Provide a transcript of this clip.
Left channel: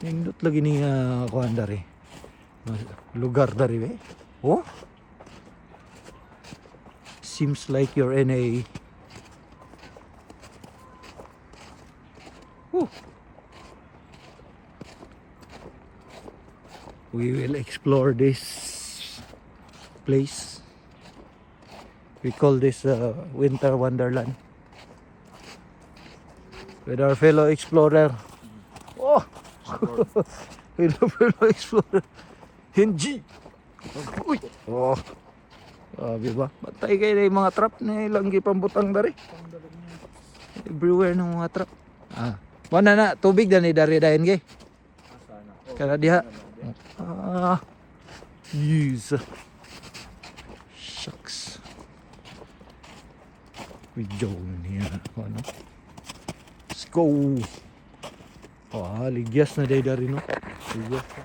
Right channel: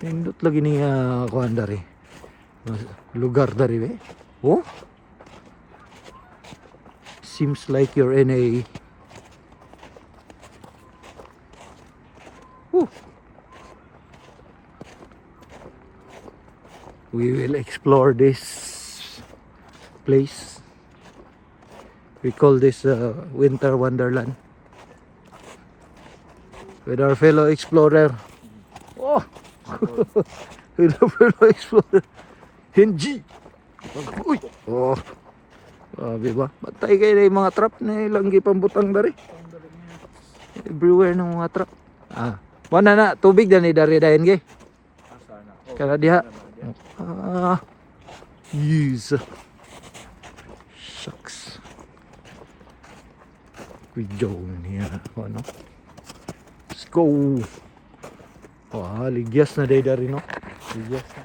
Nindot lagi ni kuan dari. Lugar dari eh. Oh. Seems like you're in a Woo. We will explore this place. We call this Winter Wonderland with our fellow explorer. Oh, with our fellow explorer, Henji. Uy, oh, diba? Bantay kayo na yung mga trap na ilang gipambutang dari. Everywhere ng mga trap. Ah, wala na tubig na ni dari dahin gay. Kaya diha. Yes. Shucks. Ano? Let's go. Ligyas na day dari no. Ligyas na.